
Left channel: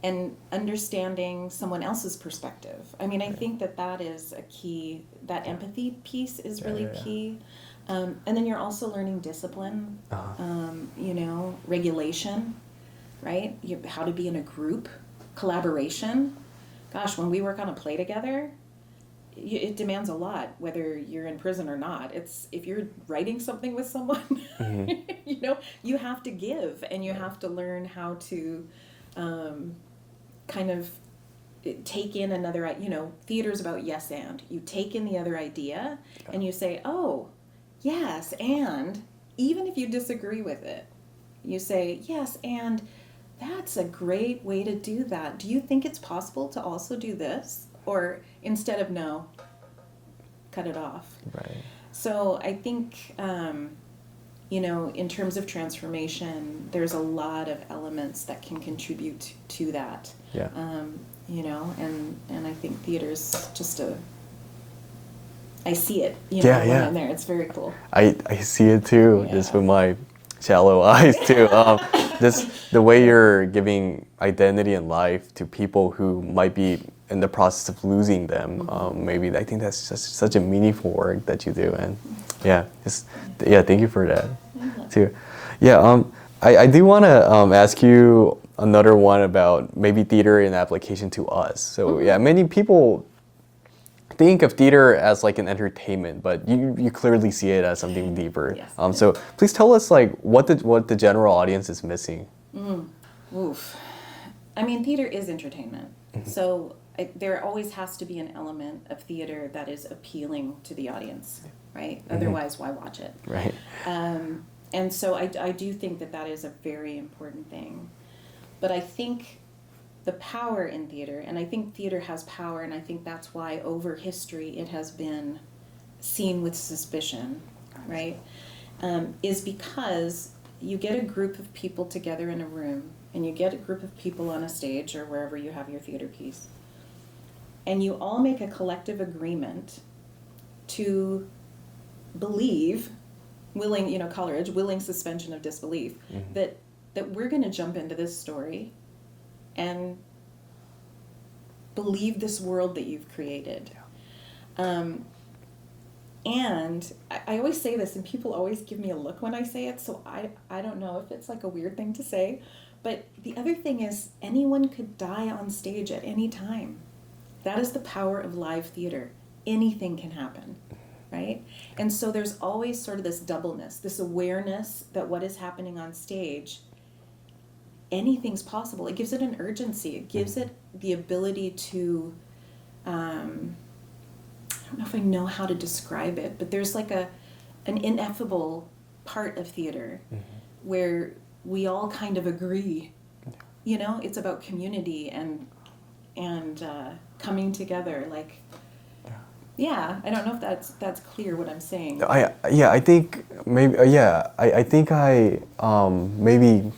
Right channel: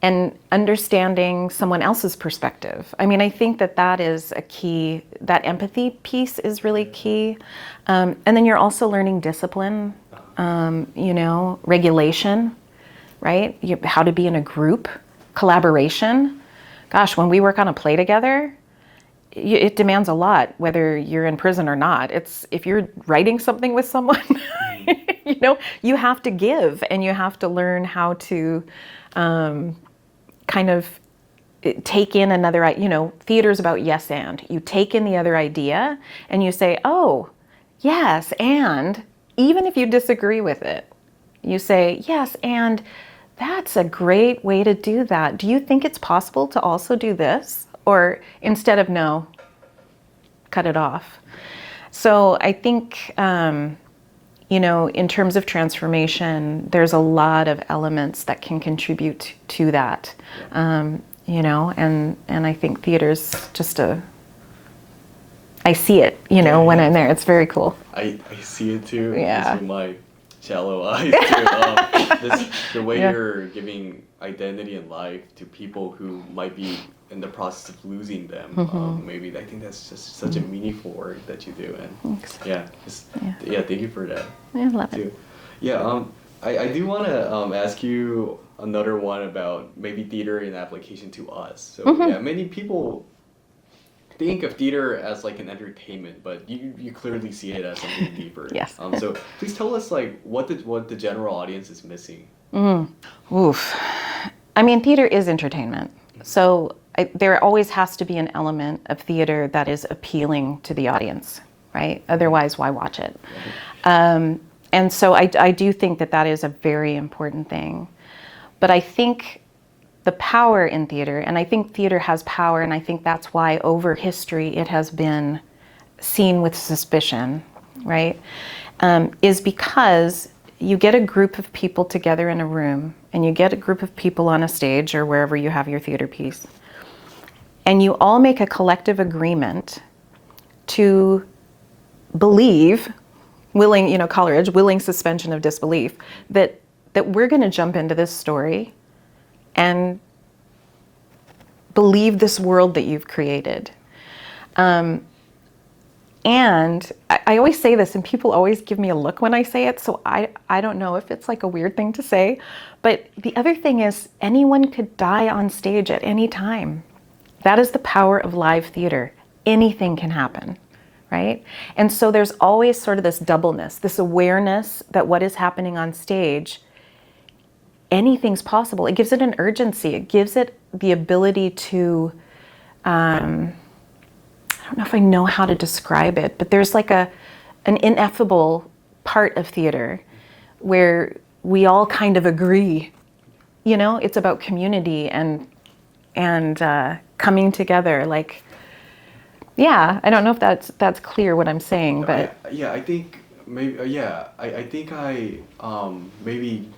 and understanding someone else's perspective. I mean, I think that that is a key, that empathy piece is really key. And then you're also learning discipline, you know, regulation, right? How to be in a group, collaboration. Gosh, when we work on a play together, it demands a lot, whether you're in prison or not. It's if you're writing something with someone, you know, you have to give, and you have to learn how to kind of take in another, you know, theater's about yes and. You take in the other idea and you say, oh, yes, and even if you disagree with it, you say, yes, and that's a great way to do that. Do you think it's possible to also do this? Or instead of no, cut it off. Right. So I think, you know, in terms of transformation, there's a lot of elements that can contribute to that. Yeah. You know, and I think theater's just I see it, you know, when I'm there. It's very cool. I see it too, just with my shallow eyes too. The way you're giving identity and life to people who might be in the process of losing them. Maybe I think that's just such a meaningful work that you do, and thank you for that. Yeah, I love too. it. Yeah, I do want to ask you another one about maybe theater in application to us. So yeah, many people think of theater as like an entertainment, but you clearly see it as something deeper. Yes. So please tell us like what the general audience is missing. Oof. I mean, theater is entertainment. So there always has to be an element of theater that is appealing to the audience, right? Otherwise, why watch it? Right. And so I do think that is a very important thing. But I think the power in theater, and I think theater has power, and I think that's why over history it has been seen with suspicion, right? Is because you get a group of people together in a room, and you get a group of people on a stage or wherever you have your theater piece, and you all make a collective agreement to believe, willing, you know, Coleridge, willing suspension of disbelief, that we're going to jump into this story and believe this world that you've created. And I always say this, and people always give me a look when I say it, so I don't know if it's like a weird thing to say, but the other thing is anyone could die on stage at any time. That is the power of live theater. Anything can happen, right? And so there's always sort of this doubleness, this awareness that what is happening on stage, anything's possible. It gives it an urgency. It gives it the ability to, I don't know if I know how to describe it, but there's like an ineffable part of theater where we all kind of agree. You know, it's about community and coming together. Like, yeah, I don't know if that's clear what I'm saying. But I think maybe I think I maybe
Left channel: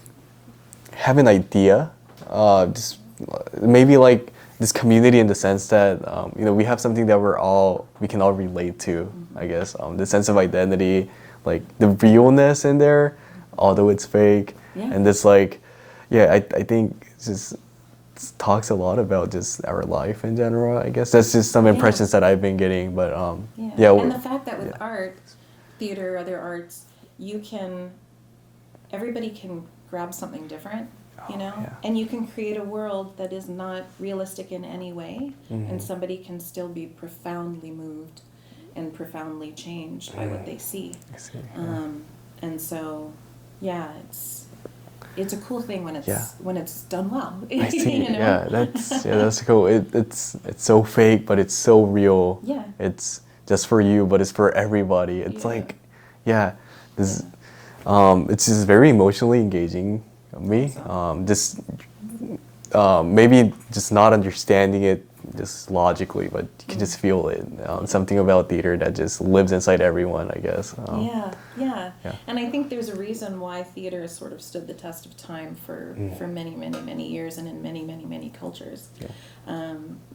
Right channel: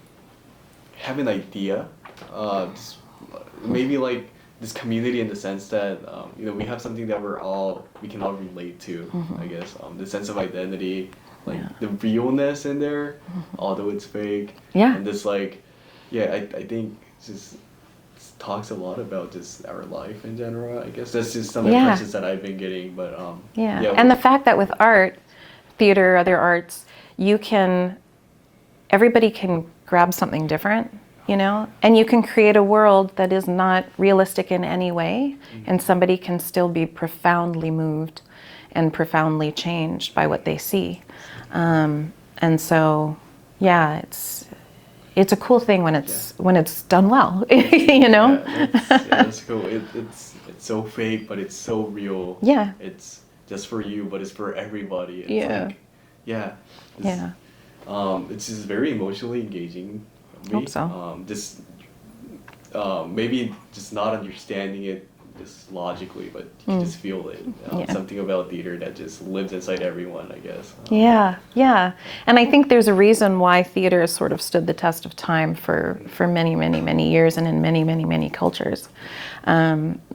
have an idea, just maybe like this community in the sense that you know, we have something that we can all relate to. I guess the sense of identity, like the realness in there, although it's fake. Yeah. And this like, I think it's just talks a lot about just our life in general. I guess that's just some impressions that I've been getting. But and the fact that with art, theater, other arts, everybody can grab something different, you know, and you can create a world that is not realistic in any way, and somebody can still be profoundly moved and profoundly changed by what they see. And so, it's a cool thing when it's done well, you know. That's cool. It's so fake, but it's so real. Yeah. It's just for you, but it's for everybody. It's it's just very emotionally engaging. Me, just maybe just not understanding it just logically, but you can just feel it. Something about theater that just lives inside everyone, I guess. And I think there's a reason why theater has sort of stood the test of time for many, many, many years and in many, many, many cultures,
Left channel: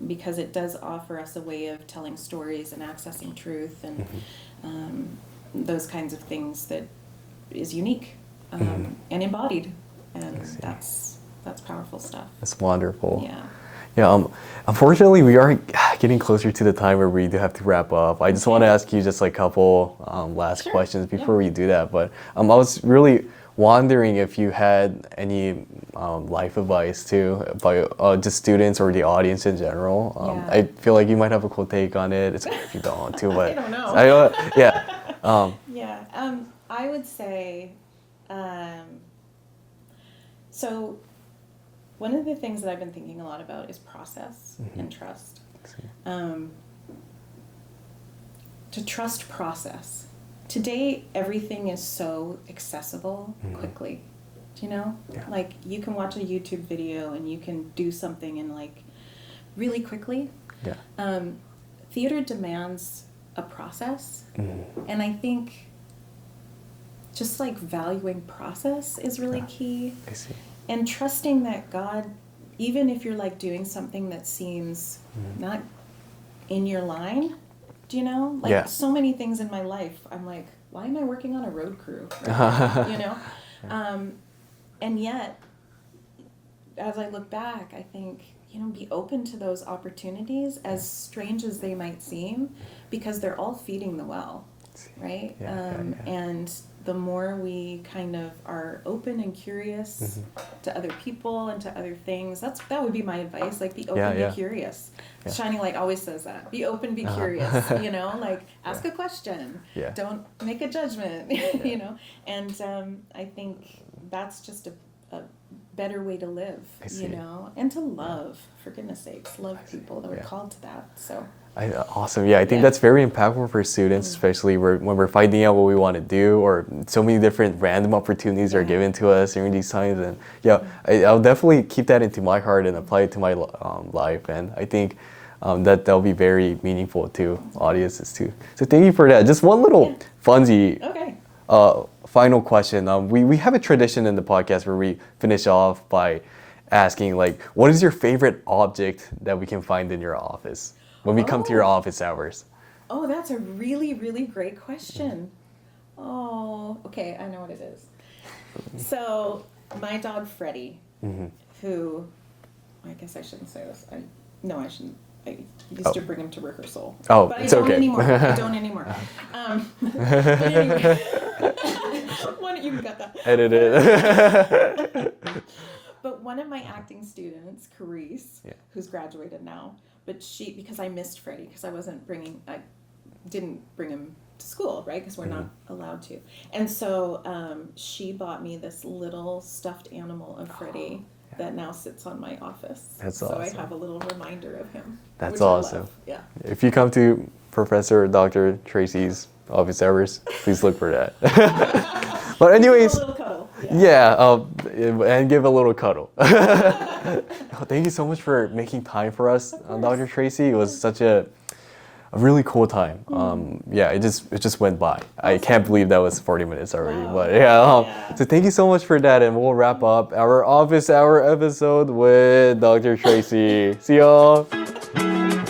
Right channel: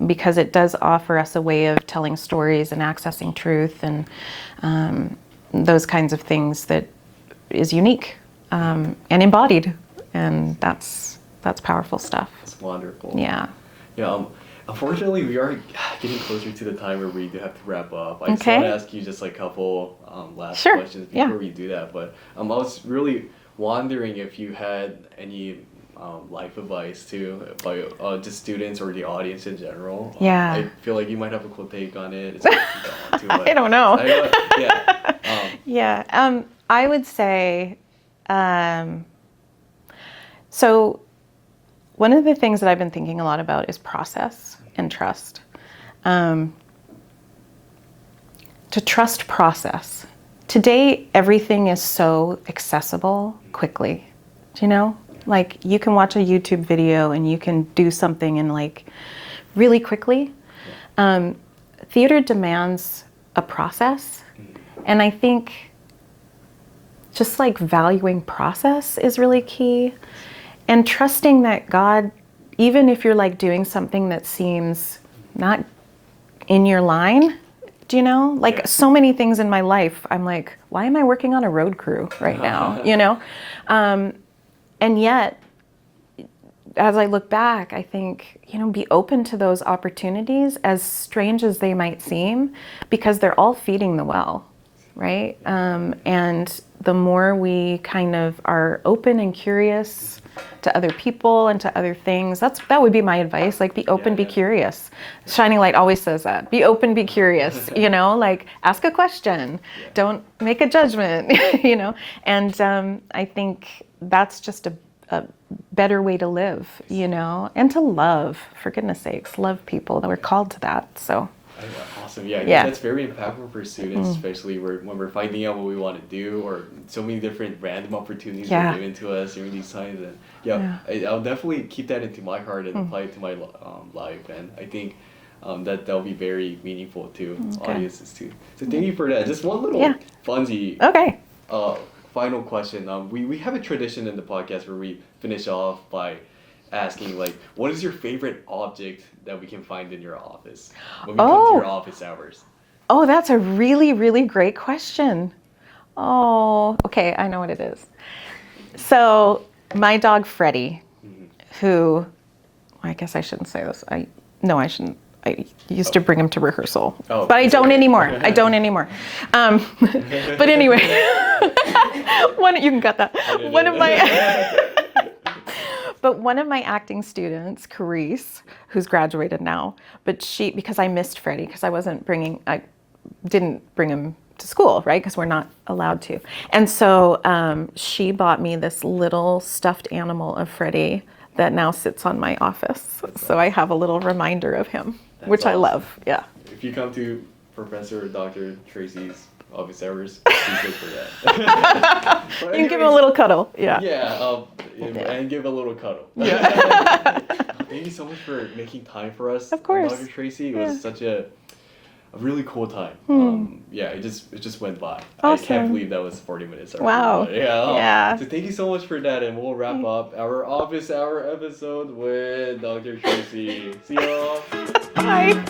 because it does offer us a way of telling stories and accessing truth and those kinds of things that is unique and embodied, and that's that's powerful stuff. That's wonderful. Yeah. Yeah. Unfortunately, we are getting closer to the time where we do have to wrap up. I just Okay. want to ask you just like a couple last Sure. questions before Yeah. we do that. But I was really wondering if you had any life advice too by just students or the audience in general. Yeah. I feel like you might have a cool take on it. It's if you don't want to. But I don't know. Yeah. Yeah. I would say, so one of the things that I've been thinking a lot about is process and trust. To trust process. Today, everything is so accessible quickly. Do you know? Yeah. Like you can watch a YouTube video and you can do something in like really quickly. Yeah. Theater demands a process. And I think just like valuing process is really key. And trusting that God, even if you're like doing something that seems not in your line, do you know? Like Yeah. so many things in my life, I'm like, why am I working on a road crew right now? You know? And yet, as I look back, I think, be open to those opportunities, as strange as they might seem, because they're all feeding the well, right? And the more we kind of are open and curious to other people and to other things, that would be my advice. Like, be open, be curious. Shining Light always says that. Be open, be curious, like ask a question. Yeah. Don't make a judgment, And I think that's just a better way to live, and to love, for goodness sakes, love people. That we're called to that, so. Awesome. Yeah, I think that's very impactful for students, especially when we're finding out what we want to do, or so many different random opportunities are given to us during these times. And I'll definitely keep that into my heart and apply it to my life. And I think that'll be very meaningful to audiences too. So thank you for that. Just one little funsy final question. We have a tradition in the podcast where we finish off by asking, like, what is your favorite object that we can find in your office when we come to your office hours? Oh, that's a really, really great question. Oh, okay, I know what it is. So my dog Freddie, who, I guess I shouldn't say this. I shouldn't. I used to bring him to rehearsal, but I don't anymore. I don't anymore. But anyway, you can cut that. But one of my acting students, Carice, who's graduated now, because I missed Freddie, because I didn't bring him to school, right? Because we're not allowed to. And so she bought me this little stuffed animal of Freddie that now sits on my office. That's so awesome. I have a little reminder of him, That's which awesome. I love. Yeah. If you come to Professor Dr. Tracie's office hours, please look for that. But anyways, you give him a little cuddle. Yeah. Yeah, and give a little cuddle. Thank you so much for making time for us, Of course. Dr. Tracie. It was such a really cool time. It just went by. I can't believe that was 40 minutes already. Wow. But so thank you so much for that, and we'll wrap up our office hour episode with Dr. Tracie. See y'all. Bye.